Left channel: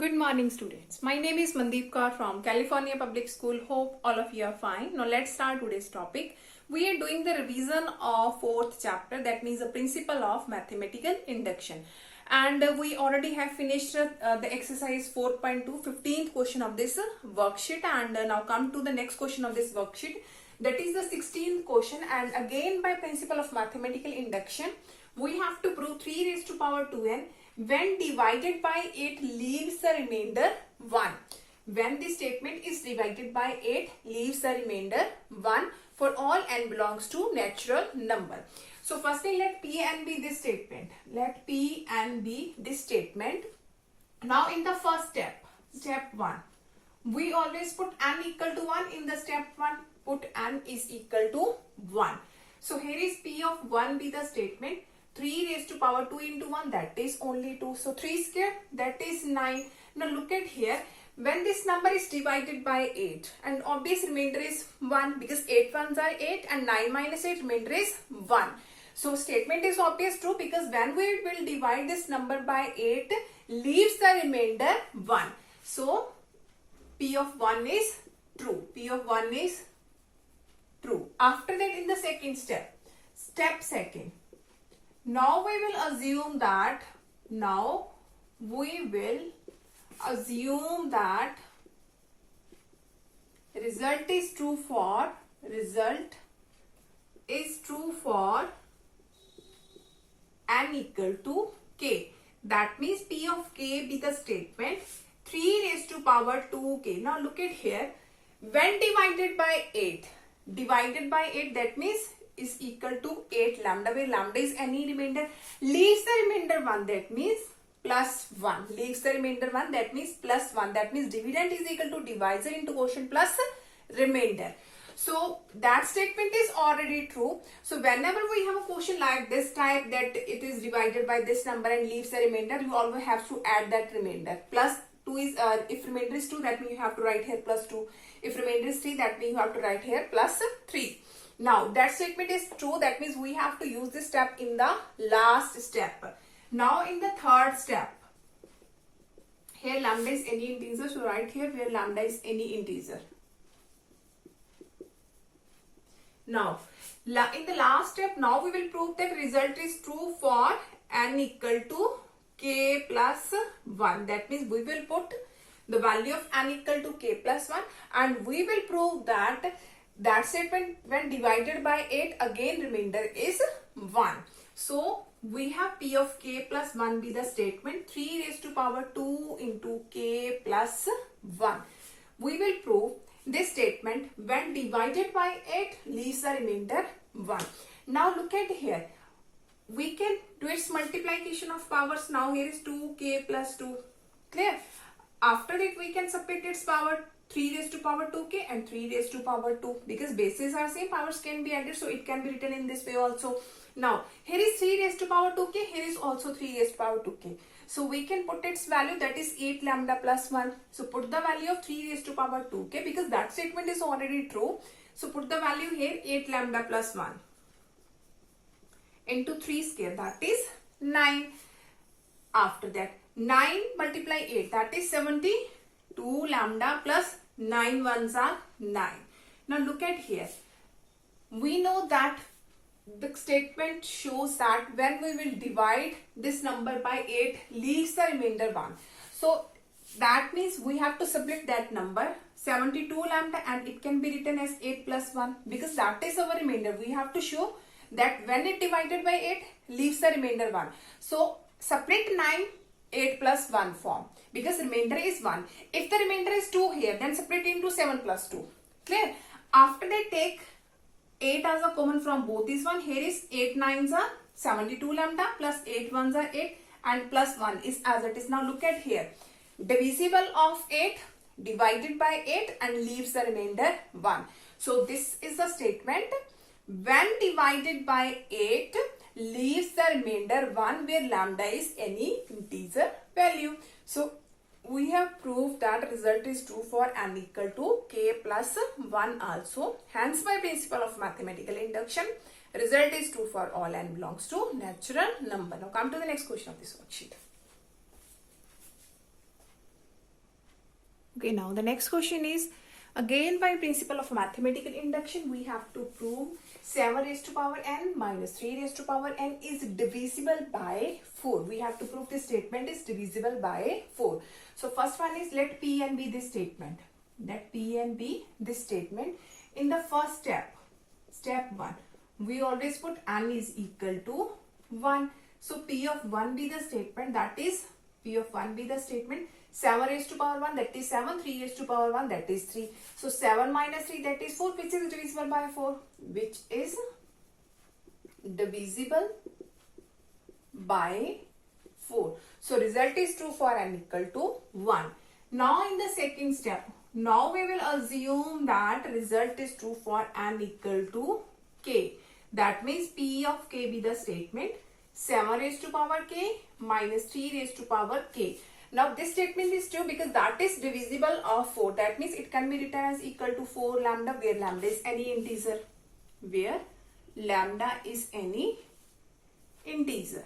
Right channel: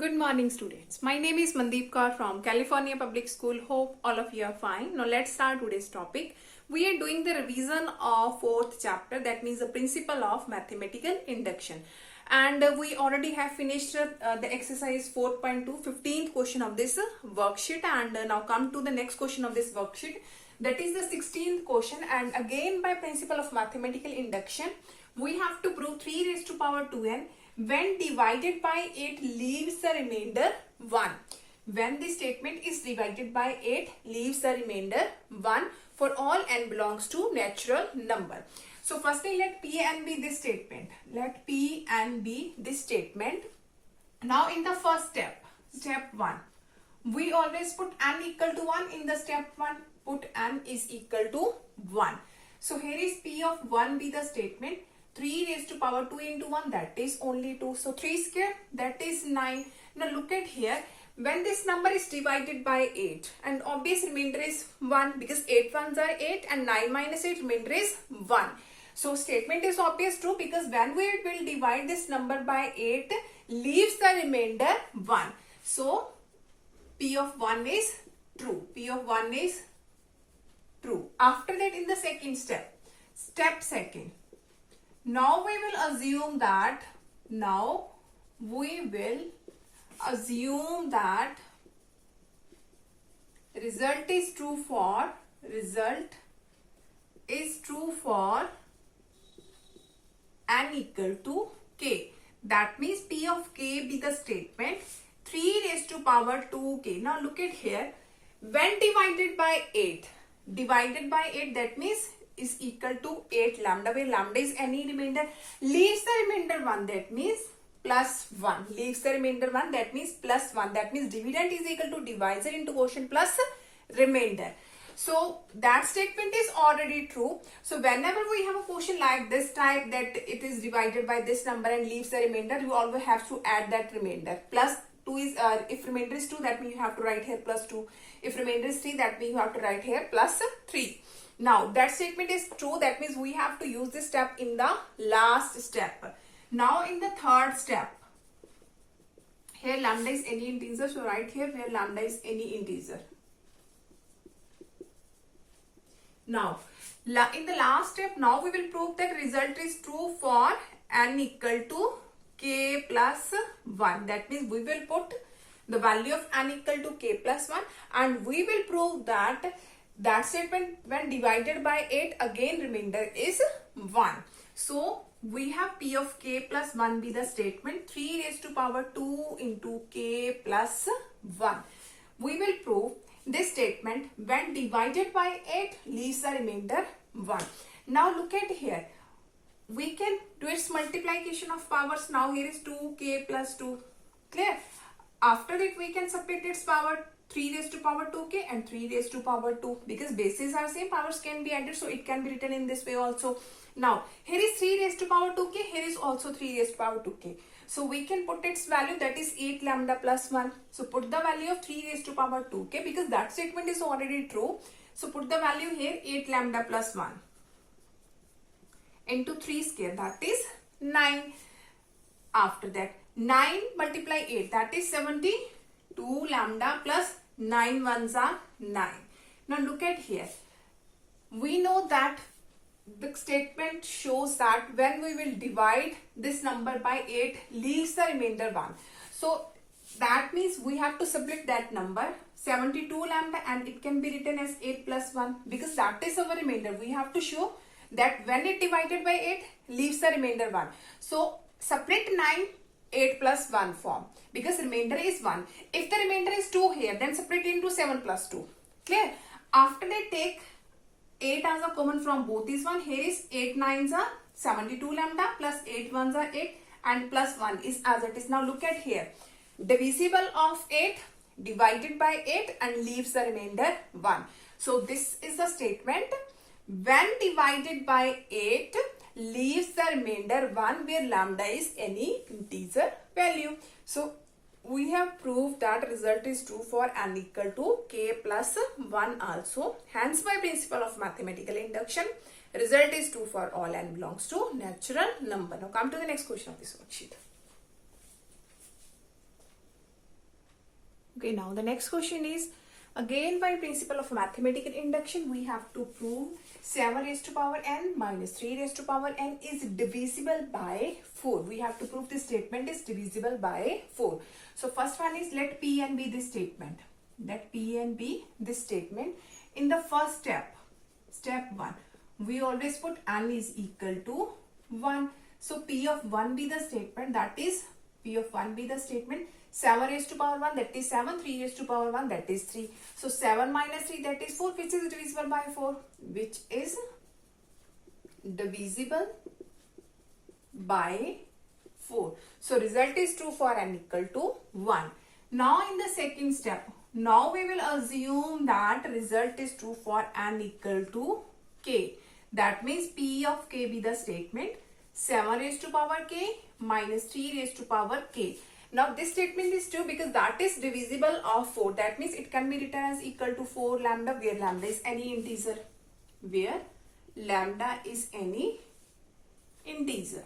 Good morning, students. My name is Mandeep Kaur from California Public School. Hope all of you are fine. Now let's start today's topic. We are doing the revision of fourth chapter, that means the principle of mathematical induction. And we already have finished the exercise 4.2, 15th question of this worksheet. And now come to the next question of this worksheet. That is the 16th question. And again, by principle of mathematical induction, we have to prove 3 raised to power 2n when divided by 8 leaves the remainder 1. When the statement is divided by 8 leaves the remainder 1 for all n belongs to natural number. So firstly, let P and be this statement. Let P and be this statement. Now in the first step, step 1, we always put n equal to 1 in the step 1. Put n is equal to 1. So here is P of 1 be the statement. 3 raised to power 2 into 1, that is only 2. So 3 square, that is 9. Now look at here. When this number is divided by 8 and obvious remainder is 1 because 8 ones are 8 and 9 minus 8 remainder is 1. So statement is obvious true because when we will divide this number by 8 leaves the remainder 1. So P of 1 is true. P of 1 is true. After that, in the second step, step second. Now we will assume that result is true for n equal to k. That means P of k be the statement 3 raised to power 2k. Now look at here. When divided by 8, that means is equal to 8 lambda, where lambda is any remainder, leaves the remainder 1, that means plus 1. Leaves the remainder 1, that means plus 1. That means dividend is equal to divisor into quotient plus remainder. So that statement is already true. So whenever we have a question like this type that it is divided by this number and leaves the remainder, you always have to add that remainder. Plus 2 is, if remainder is 2, that means you have to write here plus 2. If remainder is 3, that means you have to write here plus 3. Now that statement is true, that means we have to use this step in the last step. Now in the third step, here lambda is any integer, so write here where lambda is any integer. Now in the last step, now we will prove that result is true for n equal to k plus 1. That means we will put the value of n equal to k plus 1 and we will prove that statement when divided by 8 again remainder is 1. So we have P of k plus 1 be the statement 3 raised to power 2 into k plus 1. We will prove this statement when divided by 8 leaves the remainder 1. Now look at here. We can do its multiplication of powers. Now here is 2k plus 2. Clear? After it we can separate its power. 3 raised to power 2k and 3 raised to power 2 because bases are same, powers can be added, so it can be written in this way also. Now here is 3 raised to power 2k, here is also 3 raised to power 2k. So we can put its value, that is 8 lambda plus 1. So put the value of 3 raised to power 2k because that statement is already true. So put the value here 8 lambda plus 1 into 3 square, that is 9. After that 9 multiply 8, that is 72 lambda plus 9 ones are 9. Now look at here. We know that the statement shows that when we will divide this number by 8 leaves the remainder 1. So that means we have to subtract that number 72 lambda and it can be written as 8 plus 1 because that is our remainder. We have to show that when it divided by 8 leaves the remainder 1. So subtract 9 8 plus 1 form because remainder is 1. If the remainder is 2 here, then separate into 7 plus 2. Clear? After that, take 8 as a common from both these one. Here is 8 nines are 72 lambda plus 8 ones are 8 and plus 1 is as it is. Now look at here. Divisible of 8 divided by 8 and leaves the remainder 1. So this is the statement when divided by 8 leaves the remainder 1 where lambda is any integer value. So we have proved that result is true for n equal to k plus 1 also. Hence by principle of mathematical induction, result is true for all n belongs to natural number. Now come to the next question of this worksheet. Okay, now the next question is, again by principle of mathematical induction, we have to prove 7 raised to power n minus 3 raised to power n is divisible by 4. We have to prove this statement is divisible by 4. So first one is, let Pn be this statement. Let Pn be this statement. In the first step, step 1, we always put n is equal to 1. So P of 1 be the statement, that is P of 1 be the statement. 7 raised to power 1, that is 7. 3 raised to power 1, that is 3. So 7 minus 3, that is 4, which is divisible by 4. Which is divisible by 4. So result is true for n equal to 1. Now in the second step, now we will assume that result is true for n equal to k. That means P of k be the statement. 7 raised to power k minus 3 raised to power k. Now this statement is true because that is divisible of 4. That means it can be written as equal to 4 lambda, where lambda is any integer. Where lambda is any integer.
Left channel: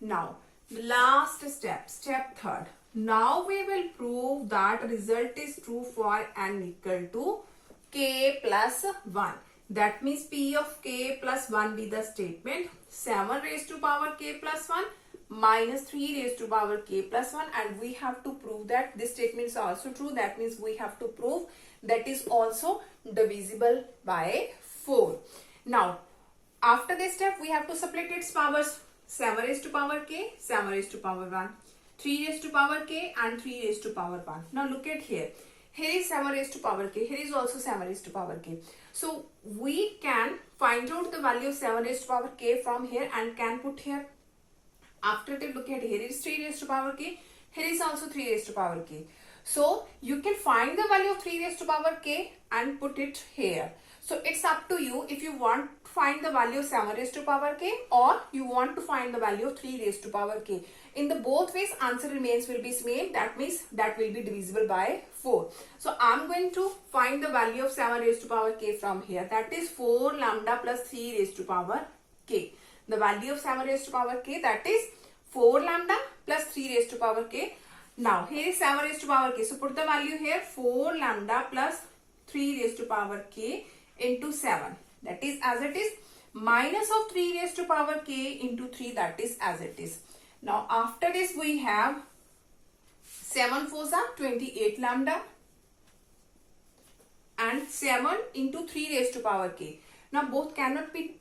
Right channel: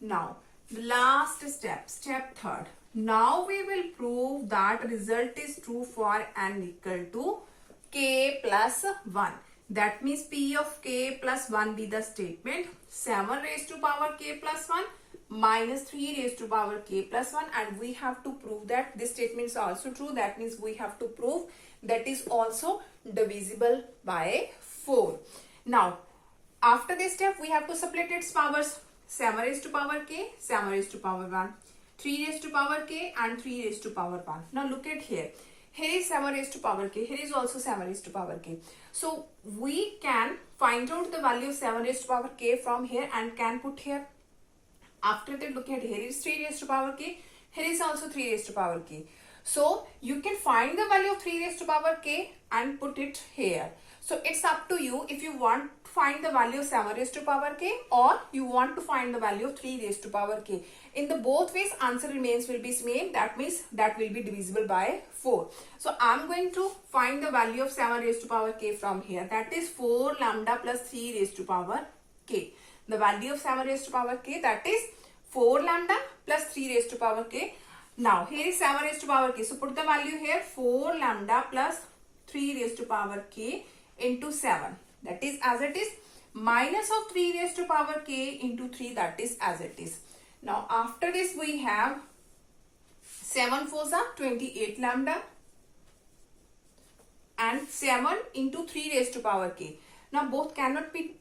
Now the last step, step 3rd. Now we will prove that result is true for n equal to k plus 1. That means P of k plus 1 be the statement. 7 raised to power k plus 1 minus 3 raised to power k plus 1, and we have to prove that this statement is also true. That means we have to prove that is also divisible by 4. Now after this step, we have to separate its powers. 7 raised to power k, 7 raised to power 1, 3 raised to power k and 3 raised to power 1. Now look at here. Here is 7 raised to power k. Here is also 7 raised to power k. So we can find out the value of 7 raised to power k from here and can put here. After that, look at here is 3 raised to power k. Here is also 3 raised to power k. So you can find the value of 3 raised to power k and put it here. So it's up to you if you want to find the value of 7 raised to power k or you want to find the value of 3 raised to power k. In the both ways, answer remains will be same. That means that will be divisible by 4. So I'm going to find the value of 7 raised to power k from here. That is 4 lambda plus 3 raised to power k. The value of 7 raised to power k, that is 4 lambda plus 3 raised to power k. Now here is 7 raised to power k. So put the value here, 4 lambda plus 3 raised to power k into 7. That is as it is, minus of 3 raised to power k into 3, that is as it is. Now after this we have 7 4s are 28 lambda and 7 into 3 raised to power k. Now both cannot be,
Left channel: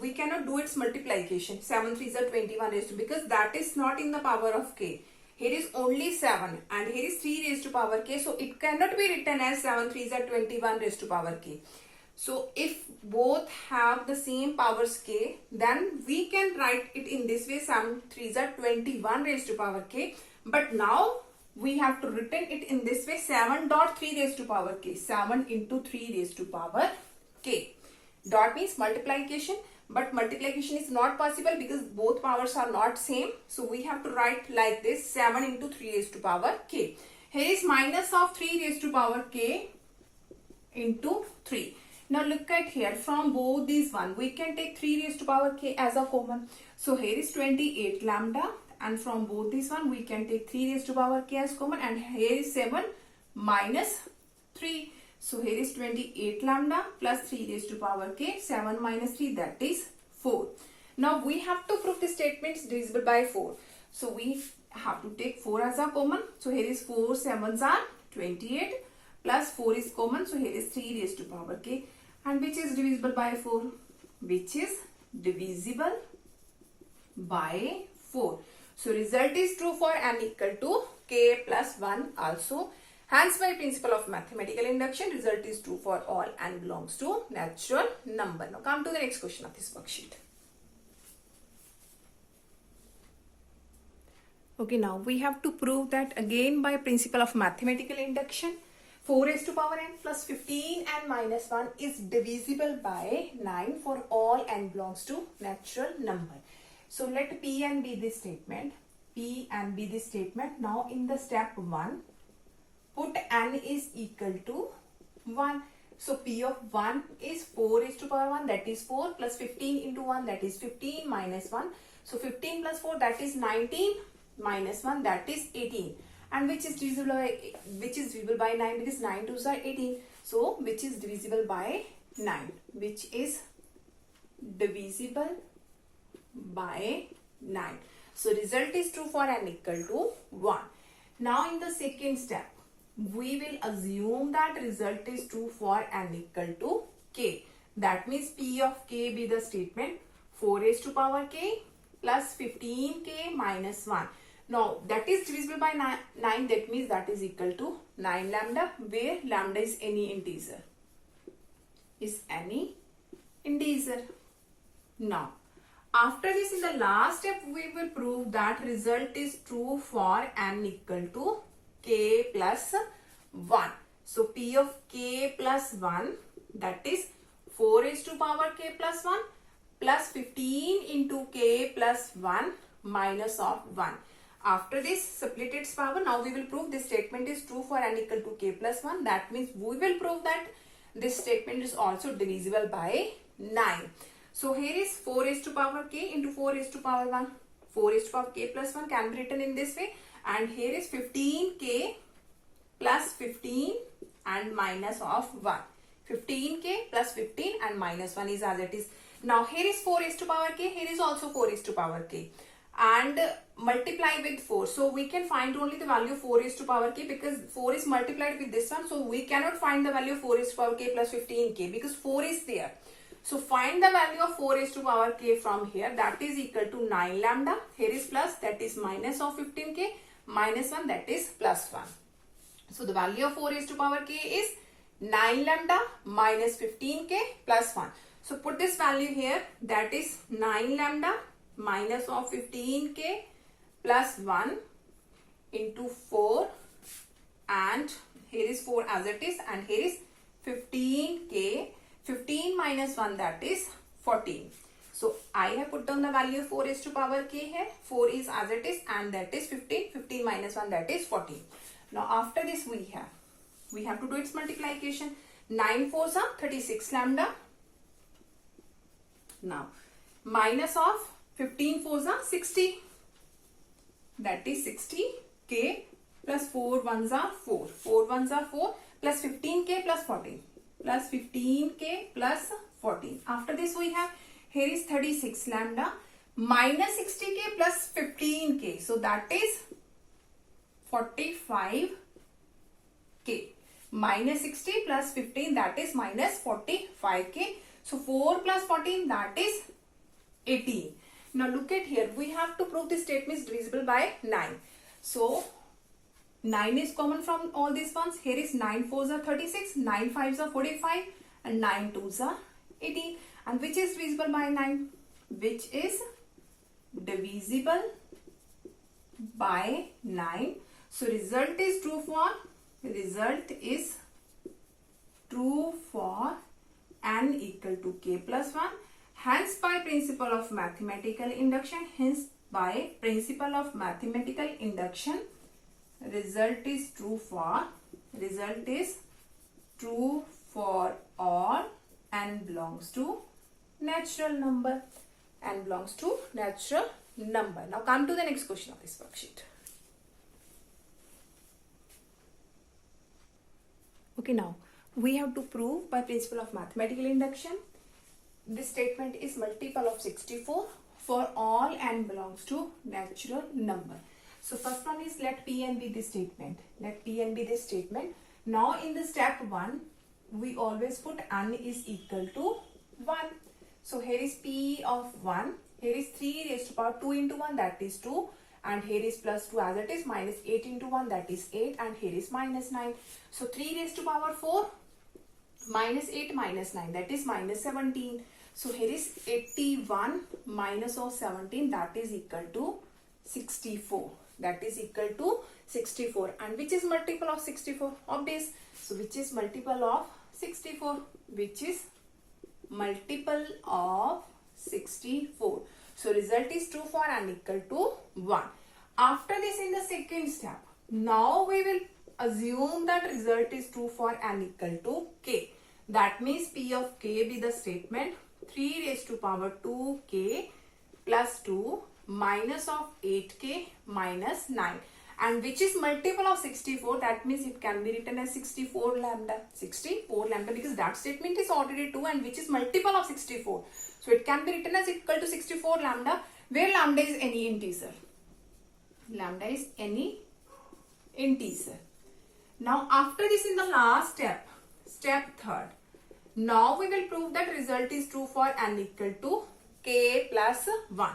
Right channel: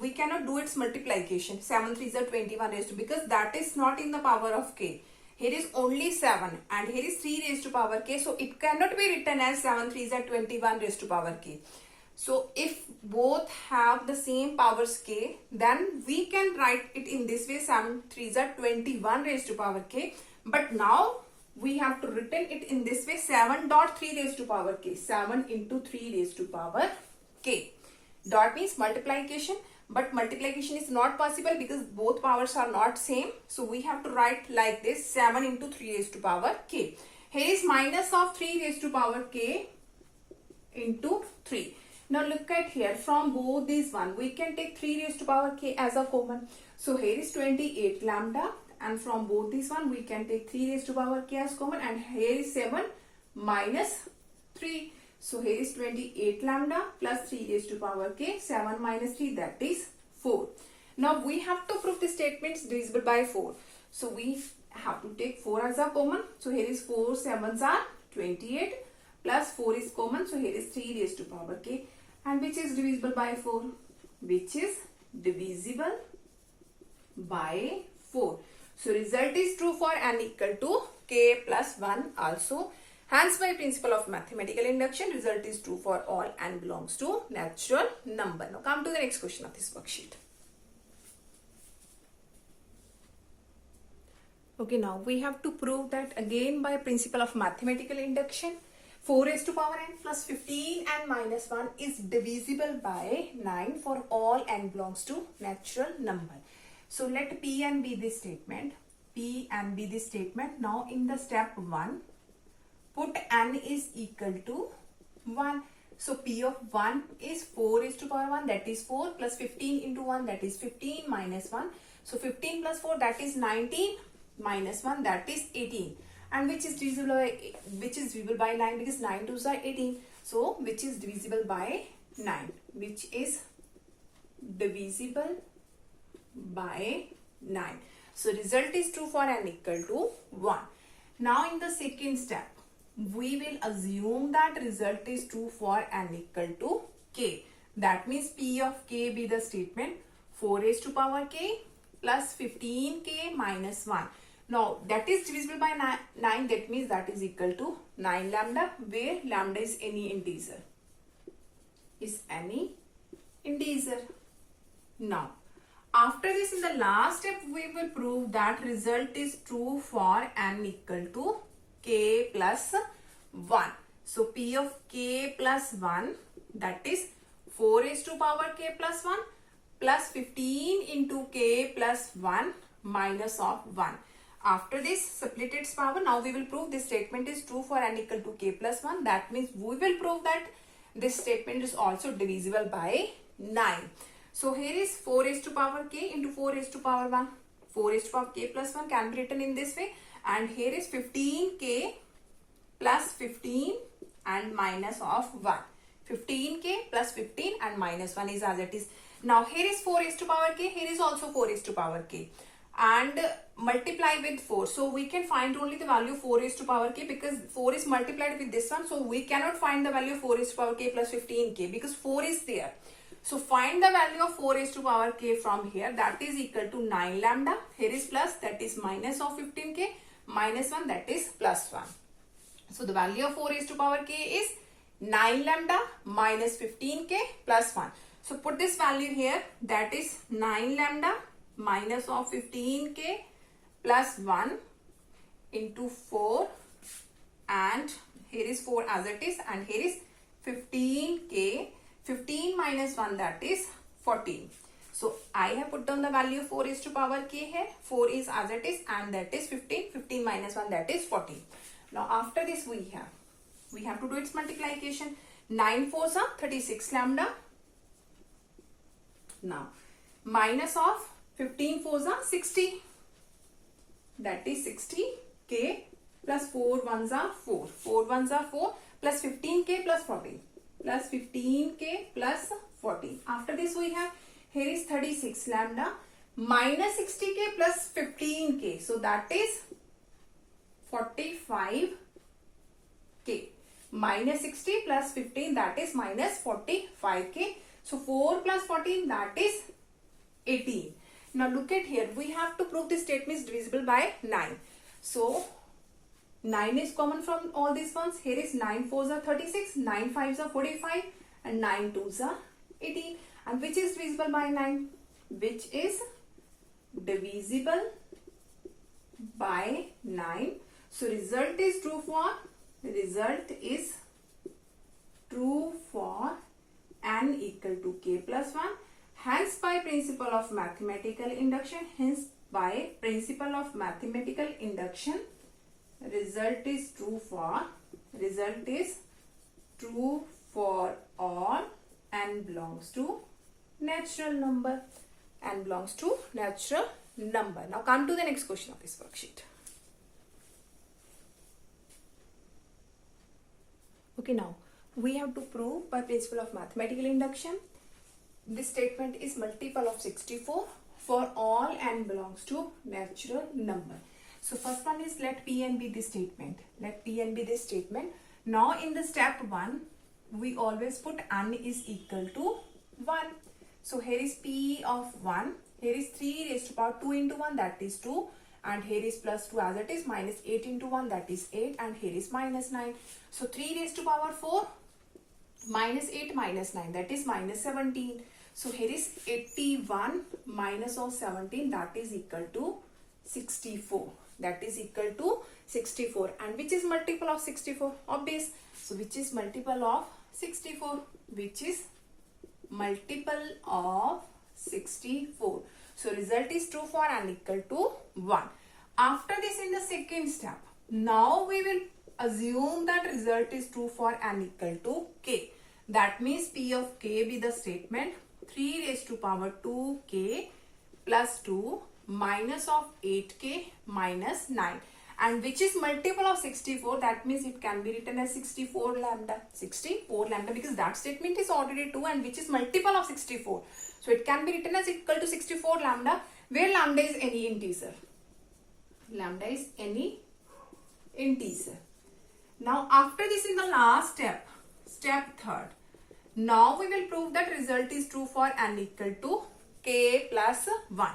we cannot do its multiplication. 7 3s are 21 raised to, because that is not in the power of k. Here is only 7 and here is 3 raised to power k. So it cannot be written as 7 3s are 21 raised to power k. So if both have the same powers k, then we can write it in this way, 7 3s are 21 raised to power k. But now we have to written it in this way, 7 dot 3 raised to power k. 7 into 3 raised to power k. Dot means multiplication, but multiplication is not possible because both powers are not same. So we have to write like this, 7 into 3 raised to power k. Here is minus of 3 raised to power k into 3. Now look at here, from both these one, we can take 3 raised to power k as a common. So here is 28 lambda, and from both these one, we can take 3 raised to power k as common, and here is 7 minus 3. So here is 28 lambda plus 3 raised to power k, 7 minus 3, that is 4. Now we have to prove the statement is divisible by 4. So we have to take 4 as a common. So here is 4 7s are 28 plus 4 is common. So here is 3 raised to power k. And which is divisible by 4? Which is divisible by 4. So result is true for n equal to k plus 1 also. Hence by principle of mathematical induction, result is true for all n belongs to natural number. Now come to the next question of this worksheet. Okay, now we have to prove that again by principle of mathematical induction, 4 raised to power n plus 15 and minus 1 is divisible by 9 for all n belongs to natural number. So let Pn be this statement. Pn be this statement. Now in the step 1, put n is equal to 1. So P of 1 is 4 raised to power 1, that is 4, plus 15 into 1, that is 15, minus 1. So 15 plus 4, that is 19, minus 1, that is 18. and which is divisible by 9, because 9 2s are 18. So which is divisible by 9? Which is divisible by 9. So result is true for n equal to 1. Now in the second step, we will assume that result is true for n equal to k. That means P of k be the statement 4 raised to power k plus 15k minus 1. Now that is divisible by 9. That means that is equal to 9 lambda, where lambda is any integer. Now after this, in the last step, we will prove that result is true for n equal to k plus 1. So P of k plus 1, that is 4 raised to power k plus 1 plus 15 into k plus 1 minus of 1. After this, split its power. Now we will prove this statement is true for n equal to k plus 1. That means we will prove that this statement is also divisible by 9. So here is 4 raised to power k into 4 raised to power 1. 4 raised to power k plus 1 can be written in this way. And here is 15k plus 15 and minus of 1. 15k plus 15 and minus 1 is as it is. Now here is 4 raised to power k. Here is also 4 raised to power k. And multiply with 4. So we can find only the value of 4 raised to power k, because 4 is multiplied with this one. So we cannot find the value of 4 raised to power k plus 15k, because 4 is there. So find the value of 4 raised to power k from here. That is equal to 9 lambda. Here is plus, that is minus of 15k, minus 1, that is plus 1. So the value of 4 raised to power k is 9 lambda minus 15k plus 1. So put this value here, that is 9 lambda minus of 15k plus 1 into 4, and here is 4 as it is, and here is 15k. 15 minus 1, that is 14. So I have put down the value of 4 raised to power k here. 4 is as it is, and that is 15. 15 minus 1, that is 14. Now after this, we have to do its multiplication. 9 4s are 36 lambda. Now minus of 15 4s are 60. That is 60k plus 4 1s are 4. 4 1s are 4 plus 15k plus 14. Plus 15k plus 14. After this, we have here is 36 lambda minus 60k plus 15k. So that is 45k. Minus 60 plus 15, that is minus 45k. So 4 plus 14, that is 18. Now look at here. We have to prove this statement is divisible by 9. So 9 is common from all these ones. Here is 9 4s are 36, 9 5s are 45, and 9 2s are 18. And which is divisible by 9? Which is divisible by 9. So result is true for n equal to k plus 1. Hence by principle of mathematical induction, result is true for all n belongs to natural number. Now come to the next question of this worksheet. Okay, now we have to prove by principle of mathematical induction this statement is multiple of 64 for all n belongs to natural number. So first one is let Pn be this statement. Now in the step 1, we always put n is equal to 1. So here is P of 1. Here is 3 raised to power 2 into 1, that is 2. And here is plus 2 as it is, minus 8 into 1, that is 8. And here is minus 9. So 3 raised to power 4 minus 8 minus 9, that is minus 17. So here is 81 minus of 17, that is equal to 64. That is equal to 64. And which is multiple of 64? Obvious. So which is multiple of 64? Which is multiple of 64. So result is true for n equal to 1. After this, in the second step, now we will assume that result is true for n equal to k. That means P of k be the statement 3 raised to power 2k plus 2 minus of 8k minus 9. and which is multiple of 64, that means it can be written as 64 lambda. 64 lambda, because that statement is already true, and which is multiple of 64. So it can be written as equal to 64 lambda, where lambda is any integer. Lambda is any integer. Now after this, in the last step, step third, now we will prove that result is true for n equal to k plus 1.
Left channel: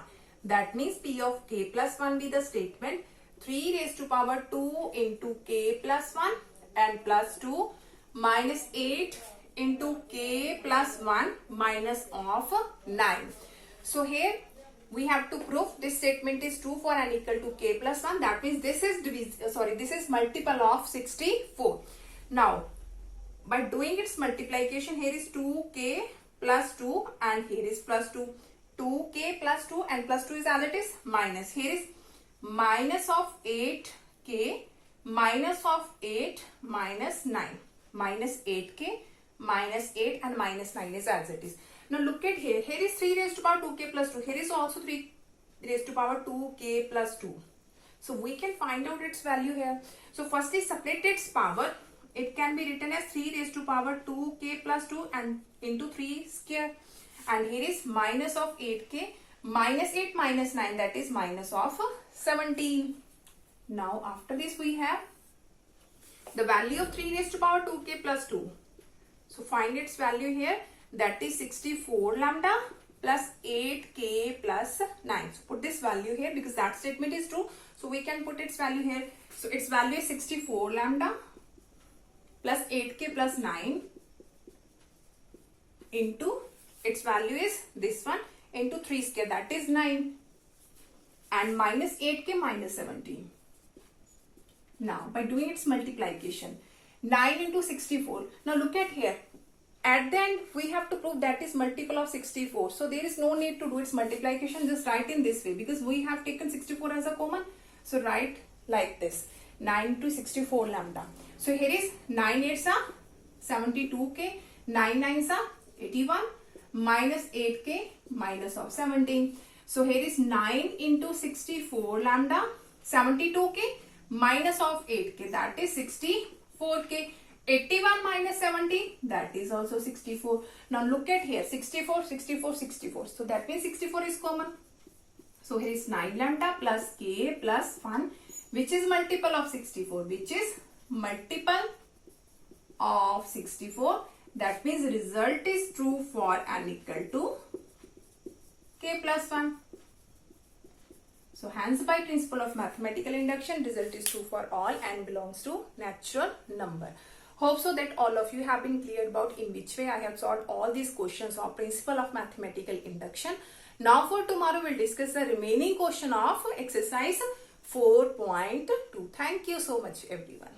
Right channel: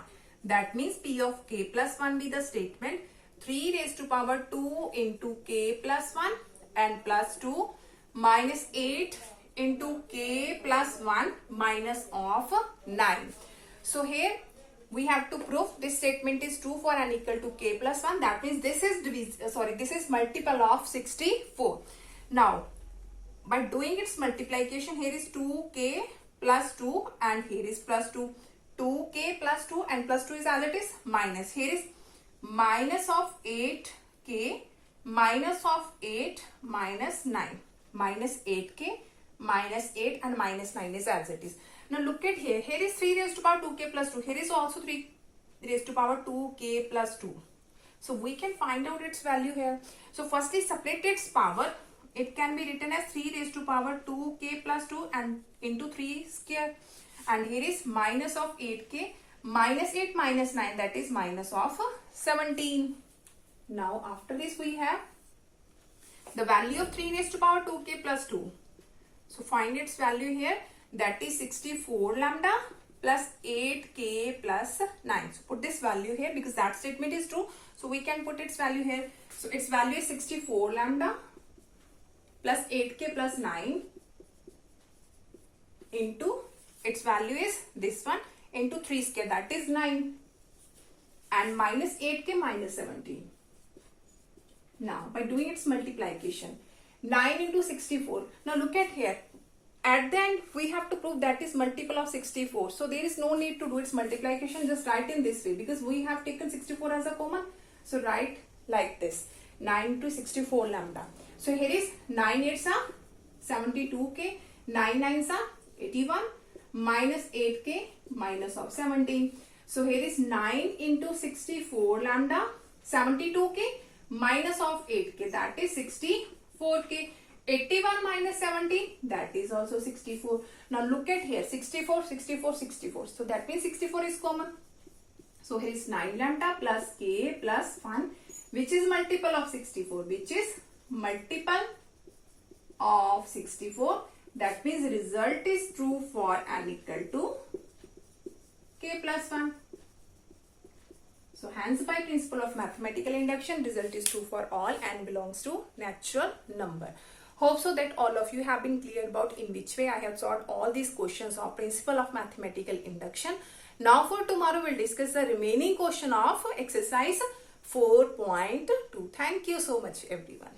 That means p of k plus 1 be the statement 3 raised to power 2 into k plus 1 and plus 2 minus 8 into k plus 1 minus of 9. So here we have to prove this statement is true for n equal to k plus 1. That means this is multiple of 64. Now by doing its multiplication, here is 2k plus 2 and here is plus 2. 2k plus 2 and plus 2 is as it is minus. Here is minus of 8k minus of 8 minus 9. Minus 8k minus 8 and minus 9 is as it is. Now look at here. Here is 3 raised to power 2k plus 2. Here is also 3 raised to power 2k plus 2. So we can find out its value here. So firstly, separate its power. It can be written as 3 raised to power 2k plus 2 and into 3 square. And here is minus of 8k minus 8 minus 9, that is minus of 17. Now after this we have the value of 3 raised to power 2k plus 2. So find its value here, that is 64 lambda plus 8k plus 9. So put this value here because that statement is true. So we can put its value here. So its value is 64 lambda plus 8k plus 9 into its value is this one into 3 square, that is 9, and minus 8k minus 17. Now by doing its multiplication, 9 into 64. Now look at here. At the end we have to prove that is multiple of 64. So there is no need to do its multiplication. Just write in this way because we have taken 64 as a common. So write like this. 9 into 64 lambda. So here is 9 8s are 72k, 9 9s are 81, minus 8k minus of 17. So here is 9 into 64 lambda, 72k minus of 8k, that is 64k. 81 minus 17, that is also 64. Now look at here, 64, 64, 64. So that means 64 is common. So here is 9 lambda plus k plus 1, which is multiple of 64, which is multiple of 64. That means result is true for n equal to k plus 1. So hence by principle of mathematical induction, result is true for all and belongs to natural number. Hope so that all of you have been clear about in which way I have solved all these questions of principle of mathematical induction. Now for tomorrow we'll discuss the remaining question of exercise 4.2. Thank you so much everyone.